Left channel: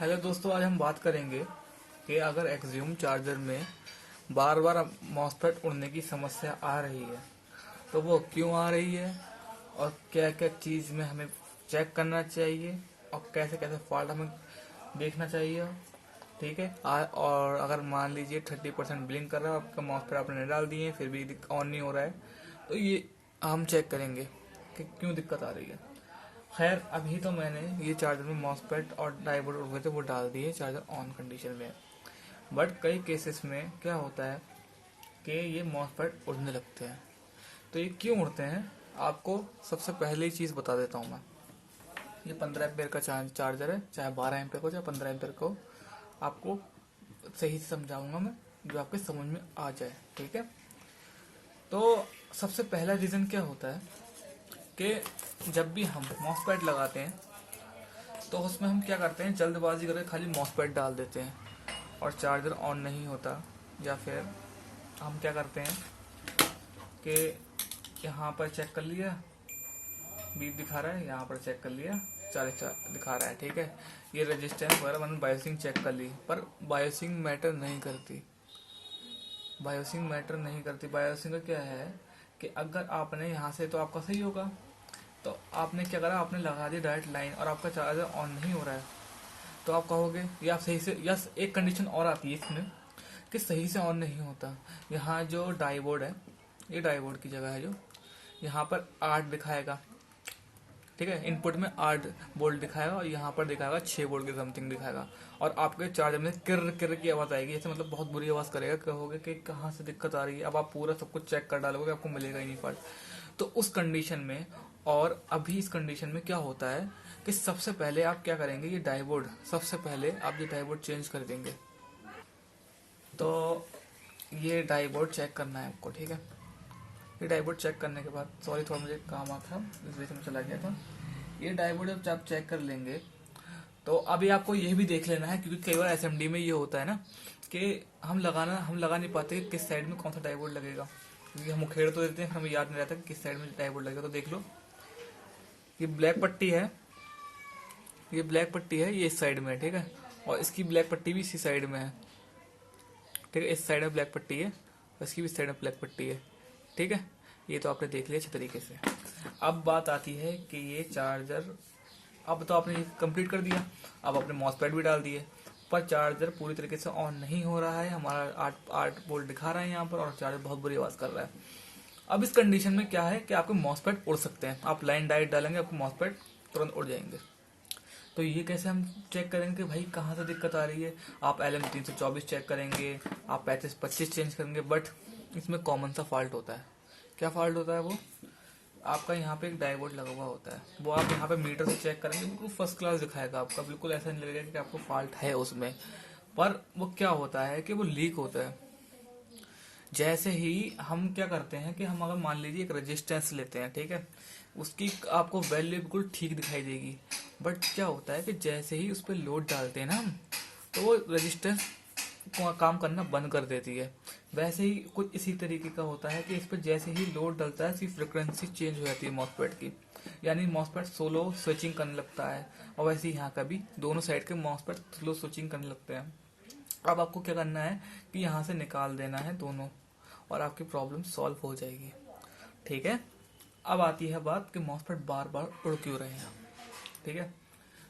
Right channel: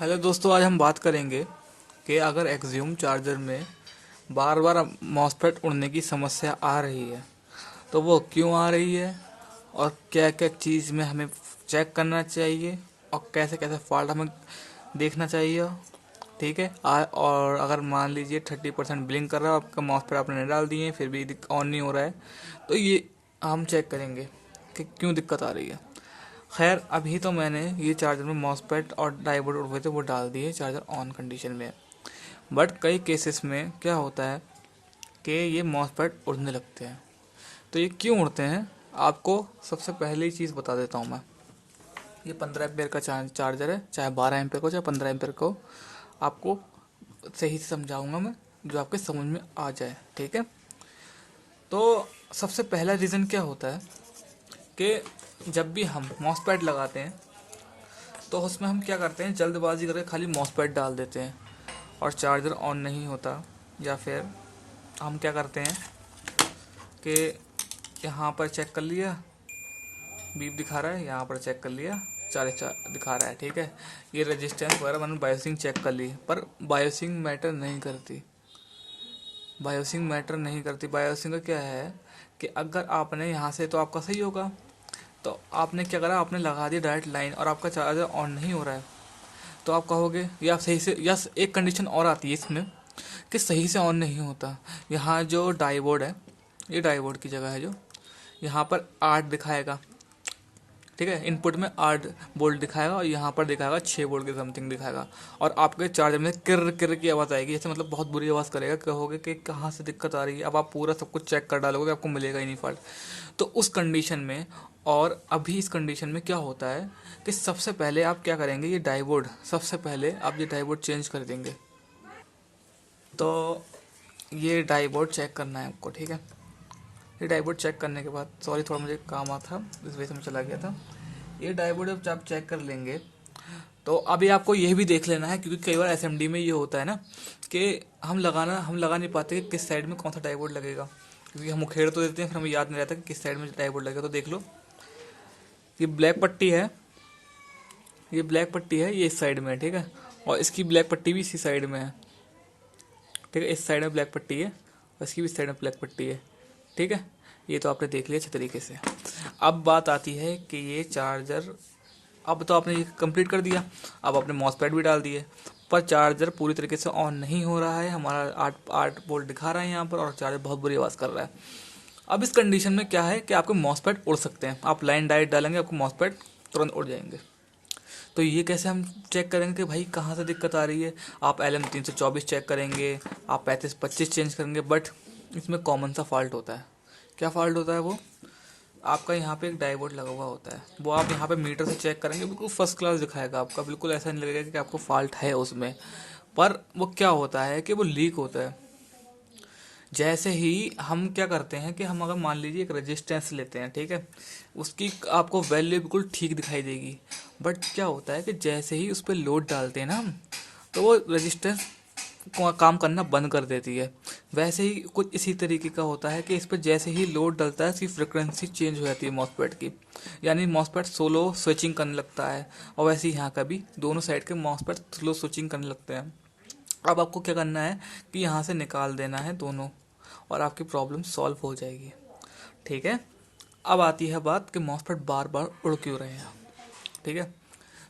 Hello दोस्तों, आज हम बात करेंगे कि अगर एक्सियम चार्जर में बार बार मॉसफेट उड़ने की समस्या आ रही है तो वो क्यों आ रही है और क्या क्या चीज़ में हमें चेक करना चाहिए और कैसे कैसे फॉल्ट हमें देखना चाहिए। ठीक है। और अगर मान लीजिए 30% ब्लिंक कर रहा है, आपका मॉसफेट आपने नहीं डाल दिए फिर भी ऑन नहीं हो रहा है, तो ये हम चेक करेंगे कि क्यों दिक्कत आ रही है। खैर, अभी तो मैंने ये चार्जर में मॉसफेट और डायोड हुए थे वो डाल दिए चार्जर ऑन कंडीशन में। बट कई केसेस में क्या होता है कि ये मॉसफेट उड़ने लगते हैं। तो ये क्यों उड़ते हैं, आपको सबसे पहले ही चीज़ बता देता हूँ मैं। ये 15 एम्पेयर का चार्जर है, चाहे 12 एम्पेयर को चाहे 15 एम्पेयर को, आपको सही से समझाऊंगा मैं, जो आपके समझ में आ जाए। ठीक है। तो सबसे पहला रीज़न क्या होता है कि जब भी हम मॉसफेट लगाते हैं तो उसमें हम क्या करते हैं, जल्दबाजी करके खाली मॉसफेट डाल देते हैं और चार्जर ऑन नहीं होता। या फिर हम क्या करते हैं कि यहाँ पर चेक कर लिया, बीप दिखा रहा है, यहाँ पर चेक कर लिया 40 दिखा रहा है। ठीक है। ये रेजिस्टेंस वगैरह मैंने बायोसिंग चेक कर ली, पर बायोसिंग मैटर नहीं करती। बायोसिंग का क्या है कि अगर आपने यहाँ से, तो आपका सही होगा, तो आपने क्या करा, आपने लगा दिया डायरेक्ट लाइन और आपका चार्जर ऑन नहीं हो रहा है। तो आप कहोगे या सही से, या एक कंडीशन और आती है इसमें कि सही से ऑन नहीं होता। यहाँ जो डायोड है, ये डायोड की जगह है, जो यहाँ पर 8 दिखाएगा। ठीक है। इनपुट में 8 वोल्ट दिखाएगा और यहाँ पर दिखाएगा 6 वोल्ट के समथिंग दिखाएगा। और आपके चार्जर में किर किर की आवाज़ आएगी, जैसे मतलब बहुत बुरी आवाज़ करेगा। कहोगे कि कहाँ से दिक्कत आ रही है। अब आप पूरा सब कुछ चेक कर डालोगे, आपको मिलेगा ही नहीं फॉल्ट। तो उस कंडीशन में, और अभी इस कंडीशन में क्या होता है कि सबसे पहले आप क्या करेंगे, ये डायोड, सबसे पहले आप ये डायोड चेंज कर देंगे। तो ये डायोड चेक करना है आपको। ठीक है। ये डायोड चेक करने के बाद, सॉरी थोड़ा मुझे काम आता था इस वजह से मैं चला गया था। ये डायोड जब आप चेक कर लेंगे तो अभी आपको ये भी देख लेना है, क्योंकि कई बार एसएमडी में ये होता है ना कि हम लगा नहीं पाते कि किस साइड में कौन सा डायोड लगेगा, क्योंकि हम उखेड़ तो देते हैं, फिर हमें याद नहीं रहता कि किस साइड में डायोड लगेगा। तो देख लो, ये ब्लैक पट्टी है, ये इस साइड में है। ठीक है। और इसकी ब्लैक पट्टी भी इसी साइड में है। ठीक है। इस साइड में ब्लैक पट्टी है और इसकी भी साइड में ब्लैक पट्टी है। ठीक है। ये तो आपने देख लिया अच्छे तरीके से। अब बात आती है कि ये चार्जर, अब तो आपने ये कंप्लीट कर दिया, अब आपने मॉसफेट भी डाल दिए, पर चार्जर पूरी तरीके से ऑन नहीं हो रहा है। हमारा 8 वोल्ट दिखा रहा है यहाँ पर और चार्जर बहुत बुरी आवाज़ कर रहा है। अब इस कंडीशन में क्या है कि आपके मॉसफेट उड़ सकते हैं। आप लाइन डाइट डालेंगे, आपको मॉसफेट तुरंत उड़ जाएंगे। तो ये कैसे हम चेक करेंगे कि भाई कहाँ से दिक्कत आ रही है। आप LM324 चेक करेंगे, आप 3525 चेंज करेंगे, बट इसमें कॉमन सा फॉल्ट होता है। क्या फॉल्ट होता है वो, आपका यहाँ पे एक डायोड लगा हुआ होता है, वो आप यहाँ पे मीटर से चेक करेंगे, बिल्कुल फर्स्ट क्लास दिखाएगा आपका, बिल्कुल ऐसा नहीं लगेगा कि आपको फॉल्ट है उसमें। पर वो क्या होता है कि वो लीक होता है। जैसे ही हम क्या करते हैं कि हम अगर मान लीजिए एक रेजिस्टेंस लेते हैं, ठीक है, उसकी आपको वैल्यू बिल्कुल ठीक दिखाई देगी, बट क्या होता है कि जैसे ही उस पर लोड डालते हैं ना हम, तो वो रेजिस्टेंस काम करना बंद कर देती है। वैसे ही कुछ इसी तरीके का होता है कि इस पर जैसे ही लोड डलता है, इसकी फ्रिक्वेंसी चेंज हो जाती है मॉसफेट की, यानी मॉसफेट सोलो स्विचिंग करने लगता है। और वैसे ही यहाँ का भी दोनों साइड के मॉसफेट स्लो स्विचिंग करने लगते हैं। अब आपको क्या करना है कि यहाँ से निकाल देना है दोनों, और आपकी प्रॉब्लम सॉल्व हो जाएगी। ठीक है। अब आती है बात कि मॉसफेट बार बार उड़ क्यों रहे हैं। ठीक है।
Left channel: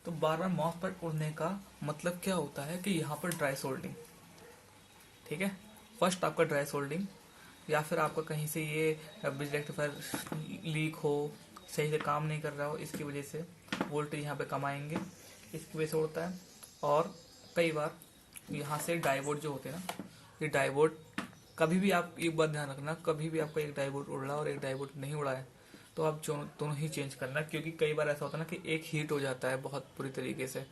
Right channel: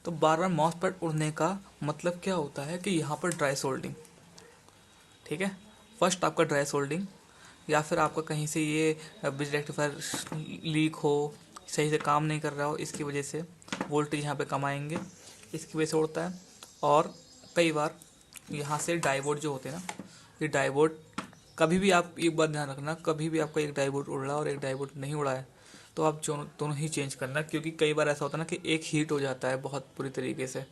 तो बार बार मॉसफेट उड़ने का मतलब क्या होता है कि यहाँ पर ड्राई सोल्डिंग। ठीक है। फर्स्ट आपका ड्राई सोल्डिंग, या फिर आपका कहीं से ये बिजली रेक्टिफायर लीक हो, सही से काम नहीं कर रहा हो, इसकी वजह से वोल्टेज यहाँ पे कम आएंगे, इसकी वजह से उड़ता है। और कई बार यहाँ से डायोड जो होते हैं ना, ये डायोड, कभी भी आप एक बात ध्यान रखना, कभी भी आपका एक डायोड उड़ रहा है और एक डायोड नहीं उड़ा है, तो आप दोनों ही चेंज करना, क्योंकि कई बार ऐसा होता है ना कि एक हीट हो जाता है बहुत बुरी तरीके से।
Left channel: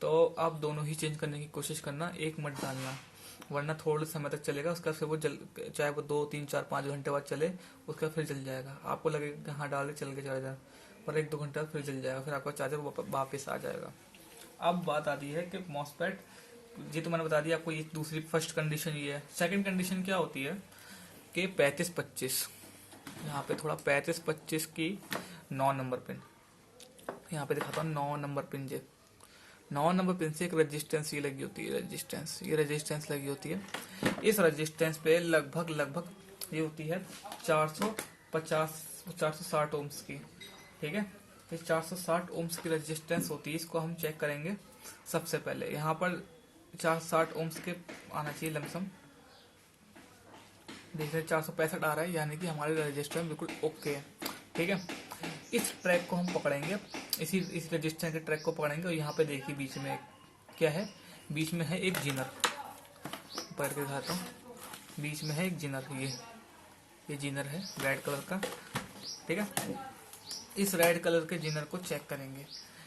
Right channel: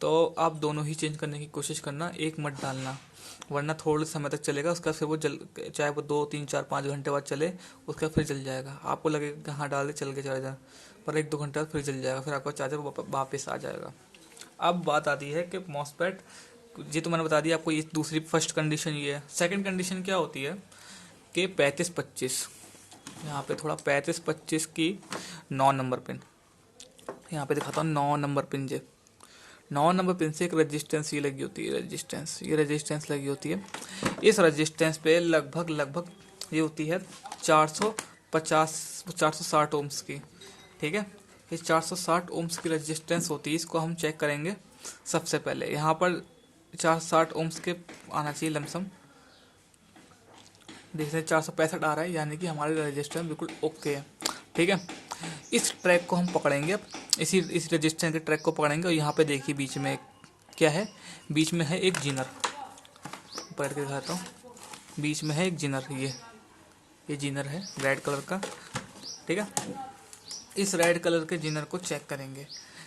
तो आप दोनों ही चेंज करने की कोशिश करना, एक मत डालना, वरना थोड़े समय तक चलेगा, उसका फिर वो जल, चाहे वो 2 3 4 5 घंटे बाद चले, उसका फिर जल जाएगा। आपको लगेगा कि हाँ डाल के चल के चला जाए, पर 1 2 घंटे बाद फिर जल जाएगा, फिर आपका चार्जर वापस आ जाएगा। अब बात आती है कि मॉसफेट, जी तो मैंने बता दिया आपको, ये दूसरी फर्स्ट कंडीशन ये है। सेकंड कंडीशन क्या होती है कि 3525, यहाँ पे थोड़ा 3525 की 9 नंबर पिन, यहाँ पे दिखाता हूँ 9 नंबर पिन जे, 9 नंबर पिन से एक रेजिस्टेंस ये लगी होती है, ये रेजिस्टेंस लगी होती है। इस रेजिस्टेंस पे लगभग ये होती है 460 ओम्स की, ठीक है। ये 460 ओम्स की रेजिस्टेंस होती है, इसको हम चेक करेंगे। सबसे पहले यहाँ पर 460 ओम्स के आना चाहिए लमसम, देख रहे 465 आ रहा है, यानी कि हमारे रेजिस्टेंस बिल्कुल ओके है, ठीक है। इस ट्रैक को हम पकड़ेंगे, इस रेजिस्टेंस के ट्रैक को पकड़ेंगे और यहाँ पे देखिए बीच में क्या है, बीच में है एक जिनर, पकड़ के दिखाता हूँ। बीच में है एक जिनर, ये जिनर है रेड कलर का, ठीक है। इस रेड कलर के जिनर को चेक करेंगे,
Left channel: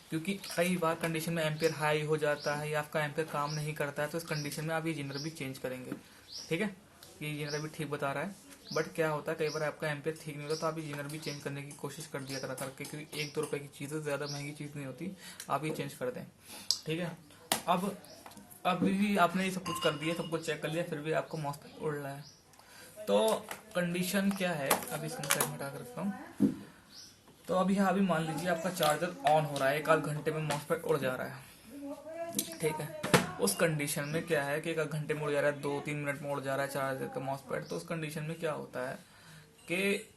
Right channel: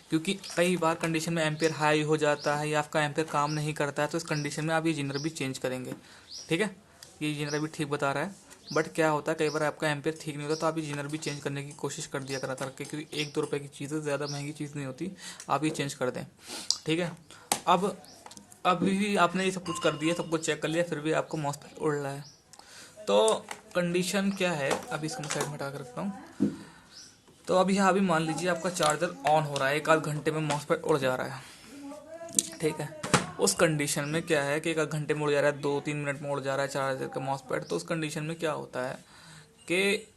क्योंकि कई बार कंडीशन में एम्पेयर हाई हो जाता है या आपका एम्पेयर काम नहीं करता है, तो इस कंडीशन में आप ये जिनर भी चेंज करेंगे, ठीक है। ये जिनर भी ठीक बता रहा है, बट क्या होता है कई बार आपका एम्पेयर ठीक नहीं होता, तो आप ये जिनर भी चेंज करने की कोशिश कर दिया करा करके, क्योंकि 1-2 रुपये की चीज़ है, ज़्यादा महंगी चीज़ नहीं होती, आप ये चेंज कर दें, ठीक है। अब भी आपने ये सब कुछ कर दिया, सब कुछ चेक कर लिया, फिर भी आपको मॉस्फेट उड़ रहा है, तो कंडीशन क्या है, अभी इसको साइड में हटा कर रखता हूँ। तो अभी मान लीजिए आपका चार्जर ऑन हो रहा है, 1-8 घंटे में मॉस्फेट उड़ जा रहा है, ठीक है। उस कंडीशन में क्या है कि 1-8 घंटे में उड़ जा रहा है, 2-3 मिनट में उड़ जा रहा है चार्जर का मॉस्फेट, तो उस कंडीशन में क्या होता है कि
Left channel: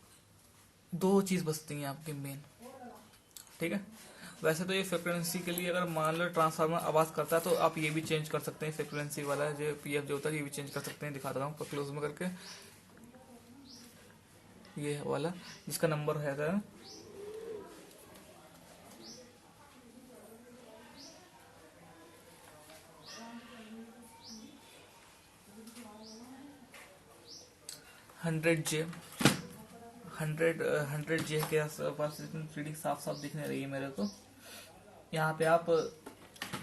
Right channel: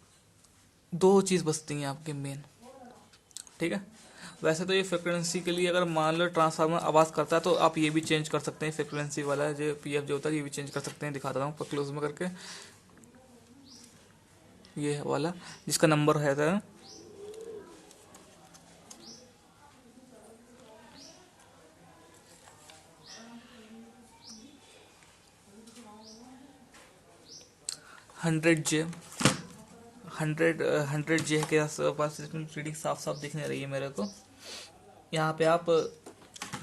2 चीज़ बचती हैं आपके मेन, ठीक है। वैसे तो ये फ्रिक्वेंसी के लिए अगर मान लो ट्रांसफार्मर आवाज़ करता है, तो आप ये भी चेंज कर सकते हैं, फ्रिक्वेंसी वाला जो PF जो होता है ये भी चेंज कर सकते हैं, दिखाता हूँ क्लोज में करके। ये वाला जिसका नंबर है 100J, 100J के आसपास, इसमें रीडिंग साफ साफ दिखने रही है मेरे को। यहाँ पे आप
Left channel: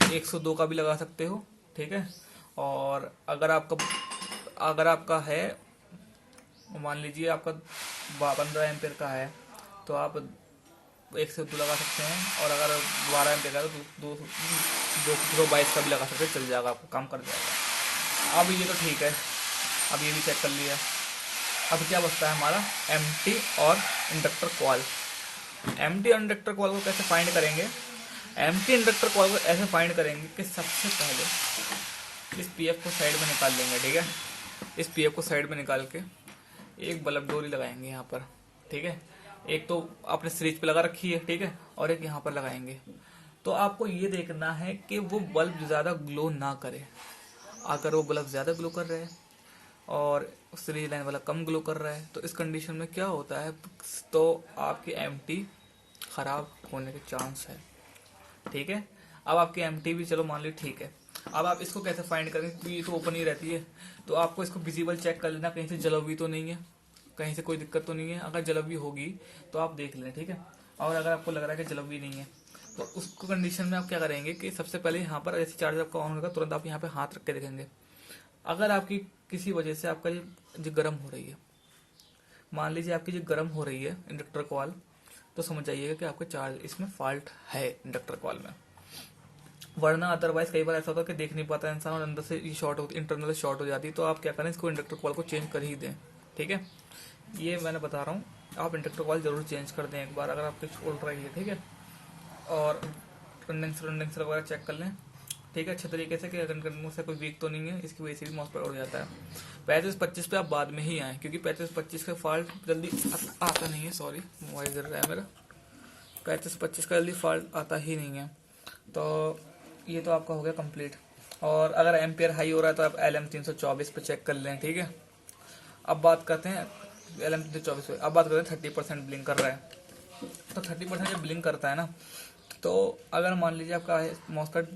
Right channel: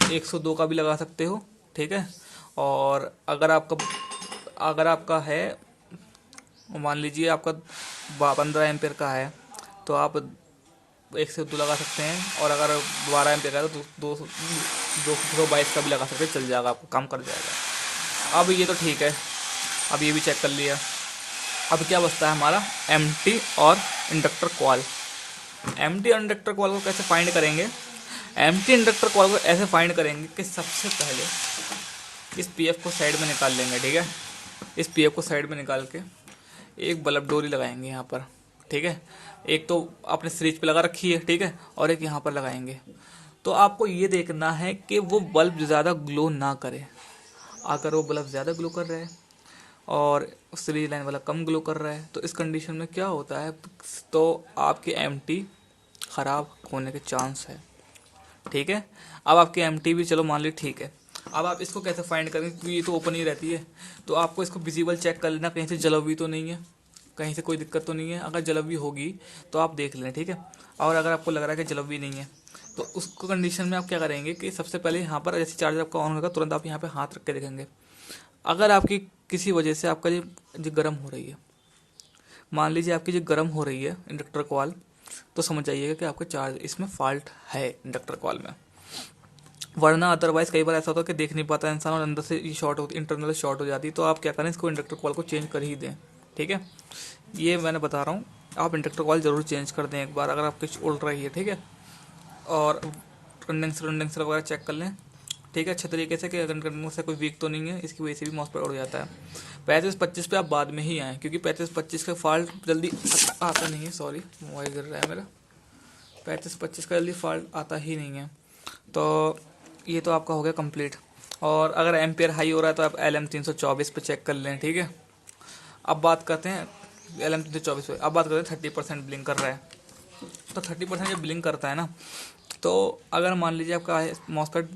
102 का भी लगा सकते हो, ठीक है। और अगर आपका है, मान लीजिए आपका 15 एम्पेयर का है, तो आप 102 लगा सकते हैं, और अगर 12 एम्पेयर का है तो 222 का भी लगा सकते हैं, चल जाएगा, आपको काम कर जाएगा। अब ये तो ठीक है, अब ये भी चेक कर लिया। अब क्या बचता है हमारा एम्प्टी और इंडक्टर कॉइल। एम्प्टी और इंडक्टर कॉइल को कैसे फाइंड करेंगे? एम्प्टी इंडक्टर कॉइल को ऐसे फाइंड करेंगे कि सबसे पहले इस PF को साइड में निकाल लेंगे, ठीक है। इस PF को साइड में निकाल के एक बल्ब डोरी लगाएंगे यहाँ पर, ठीक है। एक तो आपने सीरीज पे लगा रखी है, ठीक है, और एक यहाँ पर लगाएंगे। तो आपको ये देखना है कि वो बल्ब ज़्यादा ग्लो ना करे। अगर वो बल्ब ज़्यादा ग्लो कर रहा है और सीरीज लाइन वाला कम ग्लो कर रहा है, तो इस कंडीशन में क्या होता है, तो आपकी एम्प्टी ख़राब होने के चांस है, ठीक है। अब आपकी एम्प्टी भी चलो मान ली ठीक है। अब आप इसको कैसे फाइंड करेंगे, क्योंकि ये तो ओपन ही रहती है, तो आपको इसको विजिबल चेक कर लेना, कहीं से जल भी तो नहीं है, कहीं से कोई दिक्कत तो नहीं है। अगर जलवी होगी तो आप देख लें, ठीक है। और अगर आपको लग रहा है कि जलवी नहीं है, तो उसको कंडीशन में आप क्या करेंगे कि सबसे पहले यहाँ पर जैसे चार्जर आपका ऑन होगा, तुरंत आप यहाँ पे हाथ रख के देखेंगे। अगर आपकी किसी वजह से आपका जो गर्म हो रही है, मान लीजिए आपकी जो गर्म हो रही है इंडक्टर कॉइल, तो समझ जाइएगा कि आपका चार्ज इसमें फॉल्ट है इंडक्टर कॉइल में। वरना अदरवाइज कई बार ऐसा होता है कि देख नहीं पाता इंसान और अंदर से ये शॉर्ट होती, इंटरनल शॉर्ट हो जाती है, तो आप क्या करें, इसको इंडक्टर कॉइल को चेंज कर ही दें, ठीक है। ये मैंने बता रहा हूँ, आप इंडक्टर कॉइल ज़रूर चेंज कर दें एक बार अगर आपकी उड़ रही है, ठीक है। और कंडेंसर वगैरह चेक कर लें, ठीक है, अच्छे तरीके से, कि अगर कंडेंसर कोई वीक तो नहीं है, इसकी वजह से भी मॉस्फेट उड़ जाता है। 35-25 पे आप बाद में ही आएँ, क्योंकि 35-25 का फॉल्ट जल्दी आता नहीं है, सॉरी मोबाइल गिर रहा है मेरा। 35-25 का जल्दी फॉल्ट आता ही नहीं है। तो ये तो आपका हो गया कंप्लीट। और अगर एम्पेयर हाई हो रहा है तो आप LM324 पे चेक कर लें, ठीक है। अब बात करते हैं LM324 पे, अब बात करते हैं 30% ब्लिंक कर रहा है। तो 30% जब ब्लिंक करता है ना, तो अगर मान लीजिए आपका मॉस्फेट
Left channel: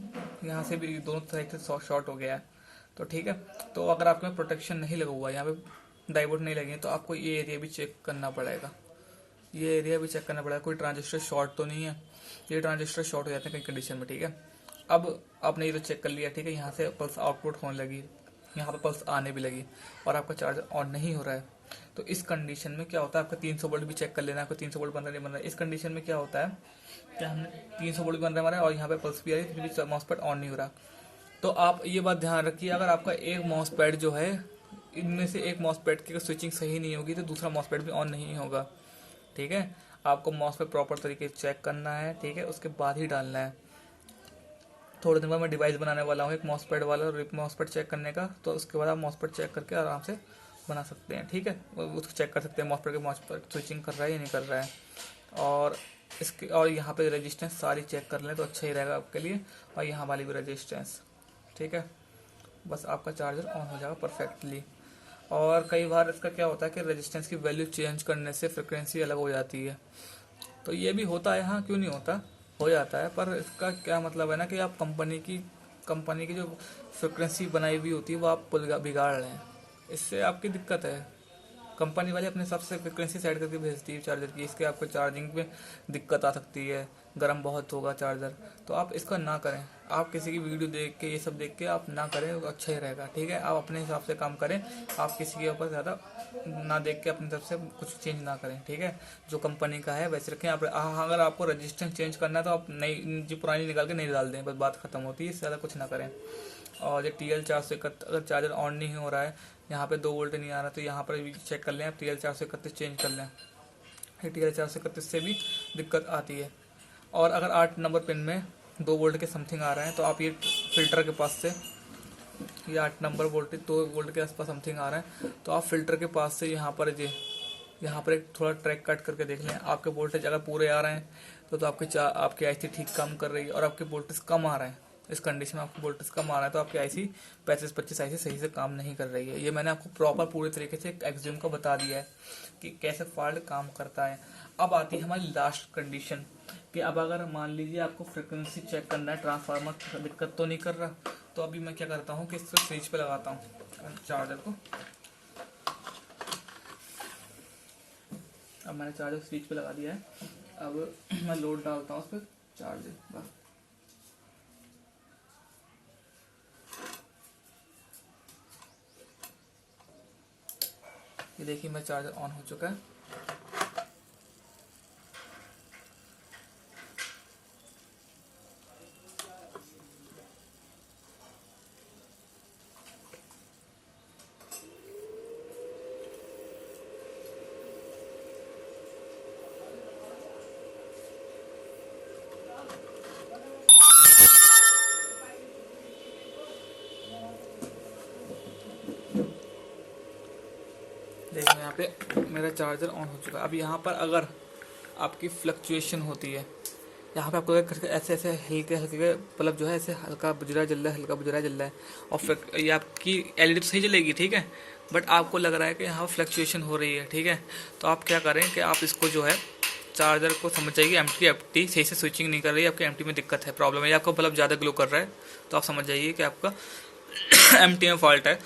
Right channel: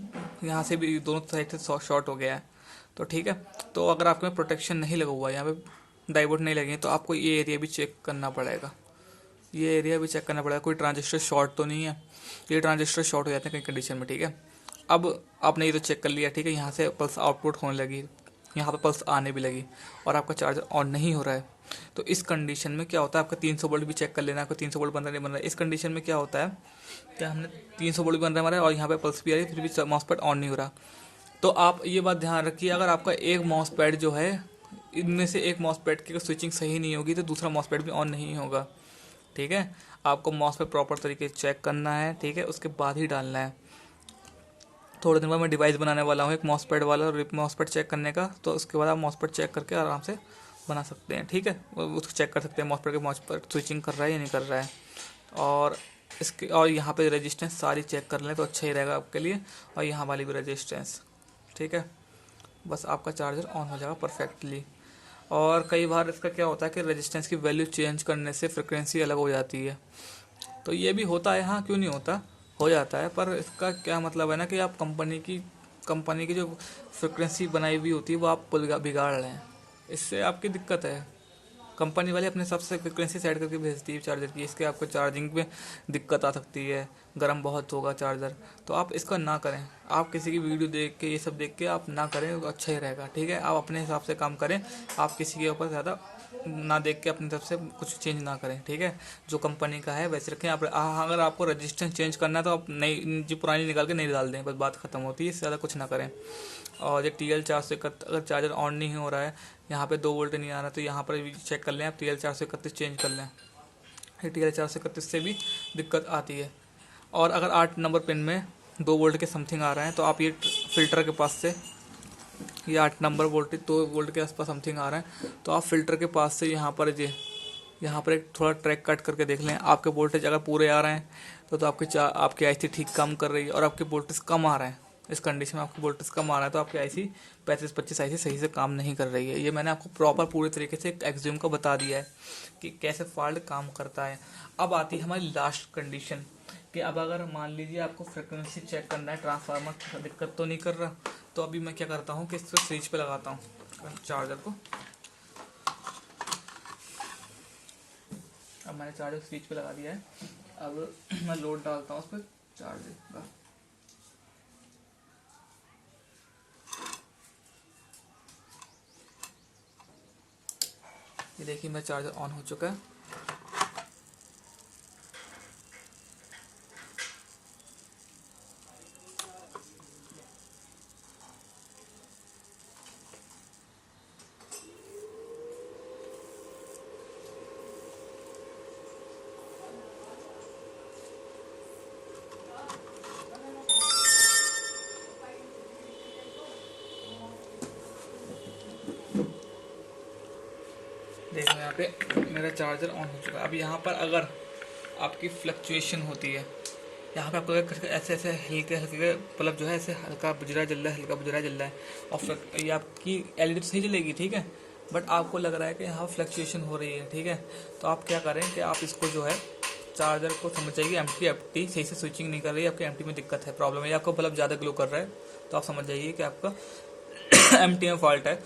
यहाँ से भी दोनों साइड से शॉर्ट हो गया है, तो ठीक है, तो अगर आपके में प्रोटेक्शन नहीं लगा हुआ है, यहाँ पे डायोड नहीं लगे, तो आपको ये एरिया भी चेक करना पड़ेगा, ये एरिया भी चेक करना पड़ेगा, कोई ट्रांजिस्टर शॉर्ट तो नहीं है। ये ट्रांजिस्टर शॉर्ट हो जाते हैं कई कंडीशन में, ठीक है। अब आपने ये तो चेक कर लिया, ठीक है, यहाँ से पल्स आउटपुट होने लगी, यहाँ पर पल्स आने भी लगी, और आपका चार्जर ऑन नहीं हो रहा है। तो इस कंडीशन में क्या होता है, आपका 300 वोल्ट भी चेक कर लेना, आपका 300 वोल्ट बन रहा है नहीं बन रहा है। इस कंडीशन में क्या होता है कि हमने 300 वोल्ट बन रहा है हमारा, और यहाँ पे पल्स भी आ रही है, फिर भी मॉस्फेट ऑन नहीं हो रहा। तो आप ये बात ध्यान रखिए, अगर आपका एक मॉस्फेट जो है, इनमें से एक मॉस्फेट की स्विचिंग सही नहीं होगी, तो दूसरा मॉस्फेट भी ऑन नहीं होगा, ठीक है। आपको मॉस्फेट प्रॉपर तरीके से चेक करना है, ठीक है, उसके बाद ही डालना है। थोड़े दिन बाद मैं डिवाइस बनाने वाला हूँ एक मॉसपेट वाला, और मॉसपेट चेक करने का, तो उसके बाद आप मॉसपेट चेक करके आराम से बना सकते हैं, ठीक है। उसको चेक कर सकते हैं मॉसपेट स्विचिंग कर रहा है या नहीं कर रहा है। और इसके और यहाँ पे रेजिस्टेंस सारी चेक कर लें तो अच्छा ही रहेगा आपके लिए, और यहाँ वाली भी रेजिस्टेंस, ठीक है। बस आपका चार्जर ऑन हो जाएगा परफेक्टली। और कई बार इसका क्या होता है कि रेजिस्टेंस की वैल्यू चेंज करने से फ्रिक्वेंसी अलग हो जाती है, तो ये भी होता है, हाँ क्यों नहीं होता, हो जाता है। पर इसका क्या मतलब है ना कि आप कंपनी की जो फ्रिक्वेंसी बनाई हुई होती है वो आप बिगाड़ रहे हैं, इससे आपकी दिक्कत है। कंपनी वाले अपने हिसाब से फ्रिक्वेंसी सेट करके भेजती है चार्जर की, इसके आपको चार्जिंग में दिक्कत आ सकती है, गर्म बहुत होगा चार्जर, तो आप इसका ना करें। आप किसी की वीडियो देख के ये सब देख के आप ना करें, तो अच्छा ही रहेगा, ठीक है। आप अपने हिसाब से काम करें, आप किसी के ऊपर ज़्यादा ना देख के अपनी तरफ से कुछ चेंज ना करें, ठीक है। जो कंपनी का है वैसे रखें। आप अगर आपको रजिस्टेंस चेंज करना है तो आप नई जो पुरानी निकाल के नहीं डाल दें, बस बात खत्म होती है, इससे ज़्यादा कुछ ना करें। और ये TL431 अगर चार्जर ऑन नहीं हो रहा है, यहाँ पे 2 वोल्ट नहीं आ रहा, तो यहाँ पर भी चेक कर लें आप, TL431 चेंज कर लें। ये TL431 से भी दिक्कत आती है। और अगर 8 नंबर पिन में 2 वोल्ट के समथिंग आ रहा है, तो आप ये फिल्टर के पास से, ये 8 नंबर वोल्टेज 2 वोल्ट के आसपास समथिंग आ रहा है, तो आप फिल्टर के पास से यहाँ पर एक थोड़ा ट्रैक कट करके देख लें। आपके वोल्टेज अगर पूरे आ रहे हैं तो आपकी आईसी ठीक काम कर रही है, और आपके वोल्टेज कम आ रहा है, इस कंडीशन में आपकी वोल्टेज कम आ रहा है, तो आपकी आईसी 3525 आईसी सही से काम नहीं कर रही है। ये मैंने आपको प्रॉपर पूरे तरीके से एक्सज्यूम का बता दिया है कि कैसे फॉल्ट काम करता है। अब आती है हमारी लास्ट कंडीशन कि अब अगर मान लीजिए आपको फ्रिक्वेंसी चेक करना है, ट्रांसफार्मर दिक्कत तो नहीं कर रहा, तो अभी मैं क्या करता हूँ कि इसको स्विच पे लगाता हूँ चार्जर को। अब मैंने चार्जर स्विच पे लगा दिया है, अब मैं लोड डालता हूँ उस पर चार्जर का। ये देखिए मेरा चार्जर ऑन हो चुका है। देखो यहाँ पे मेरा चार्जर ऑन हो चुका है। अब यहाँ पर अगर आपकी फ्लक्चुएशन होती है, यहाँ पे आपको ऐसे ऐसे हल्के हल्के बल्ब जो है ऐसे हल्का बुझरा जल रहा है, हल्का बुझरा जल रहा है, और फिर ये आपकी एलईडी तो सही जलेगी, ठीक है, बट आपको लग रहा है कि यहाँ फ्लक्चुएशन हो रही है, ठीक है। तो आप क्या करें कि आप इसको जो है चार्जर को समझ जाइए एम्प्टी सही से स्विचिंग नहीं कर रही है, आपकी एम्प्टी में दिक्कत है, प्रॉब्लम है, आपका बल्ब ज़्यादा ग्लो कर रहा है, तो आप समझ जाइए कि आपका एम्प्टी में फॉल्ट है।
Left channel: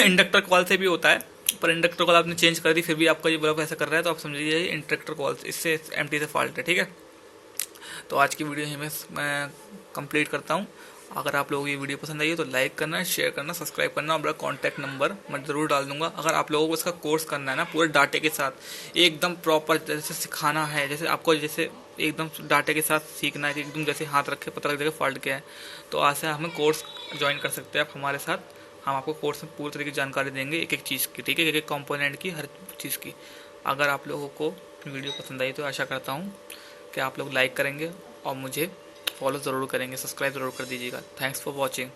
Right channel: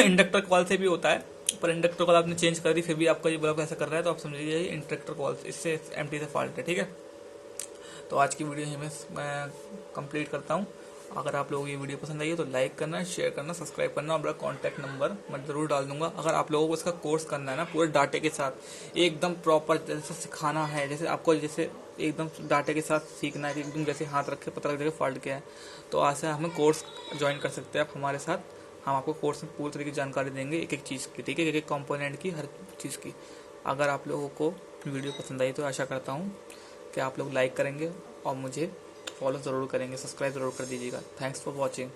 इंडक्टर कॉल से भी होता है, पर इंडक्टर कॉल आपने चेंज कर दी फिर भी आपका ये बल्ब ऐसा कर रहा है, तो आप समझिए ये इंडक्टर कॉल इससे एम्प्टी से फॉल्ट है, ठीक है। तो आज की वीडियो यहीं मैं कंप्लीट करता हूँ। अगर आप लोगों को ये वीडियो पसंद आई है तो लाइक करना, शेयर करना, सब्सक्राइब करना, और मेरा कॉन्टैक्ट नंबर मैं ज़रूर डाल दूंगा। अगर आप लोगों को इसका कोर्स करना है ना पूरे डाटे के साथ, एकदम प्रॉपर जैसे सिखाना है, जैसे आपको जैसे एकदम डाटे के साथ सीखना है कि एकदम जैसे हाथ रखे पता लग जाएगा फॉल्ट क्या है, तो आज से हमें कोर्स ज्वाइन कर सकते हैं आप हमारे साथ। हम आपको कोर्स में पूरी तरीके की जानकारी देंगे एक एक चीज़ की, ठीक है, एक एक कंपोनेंट की, हर चीज़ की। अगर आप लोगों को वीडियो पसंद आई तो आशा करता हूँ कि आप लोग लाइक करेंगे और मुझे फॉलो ज़रूर करेंगे, सब्सक्राइब ज़रूर कर दीजिएगा। Thanks for watching.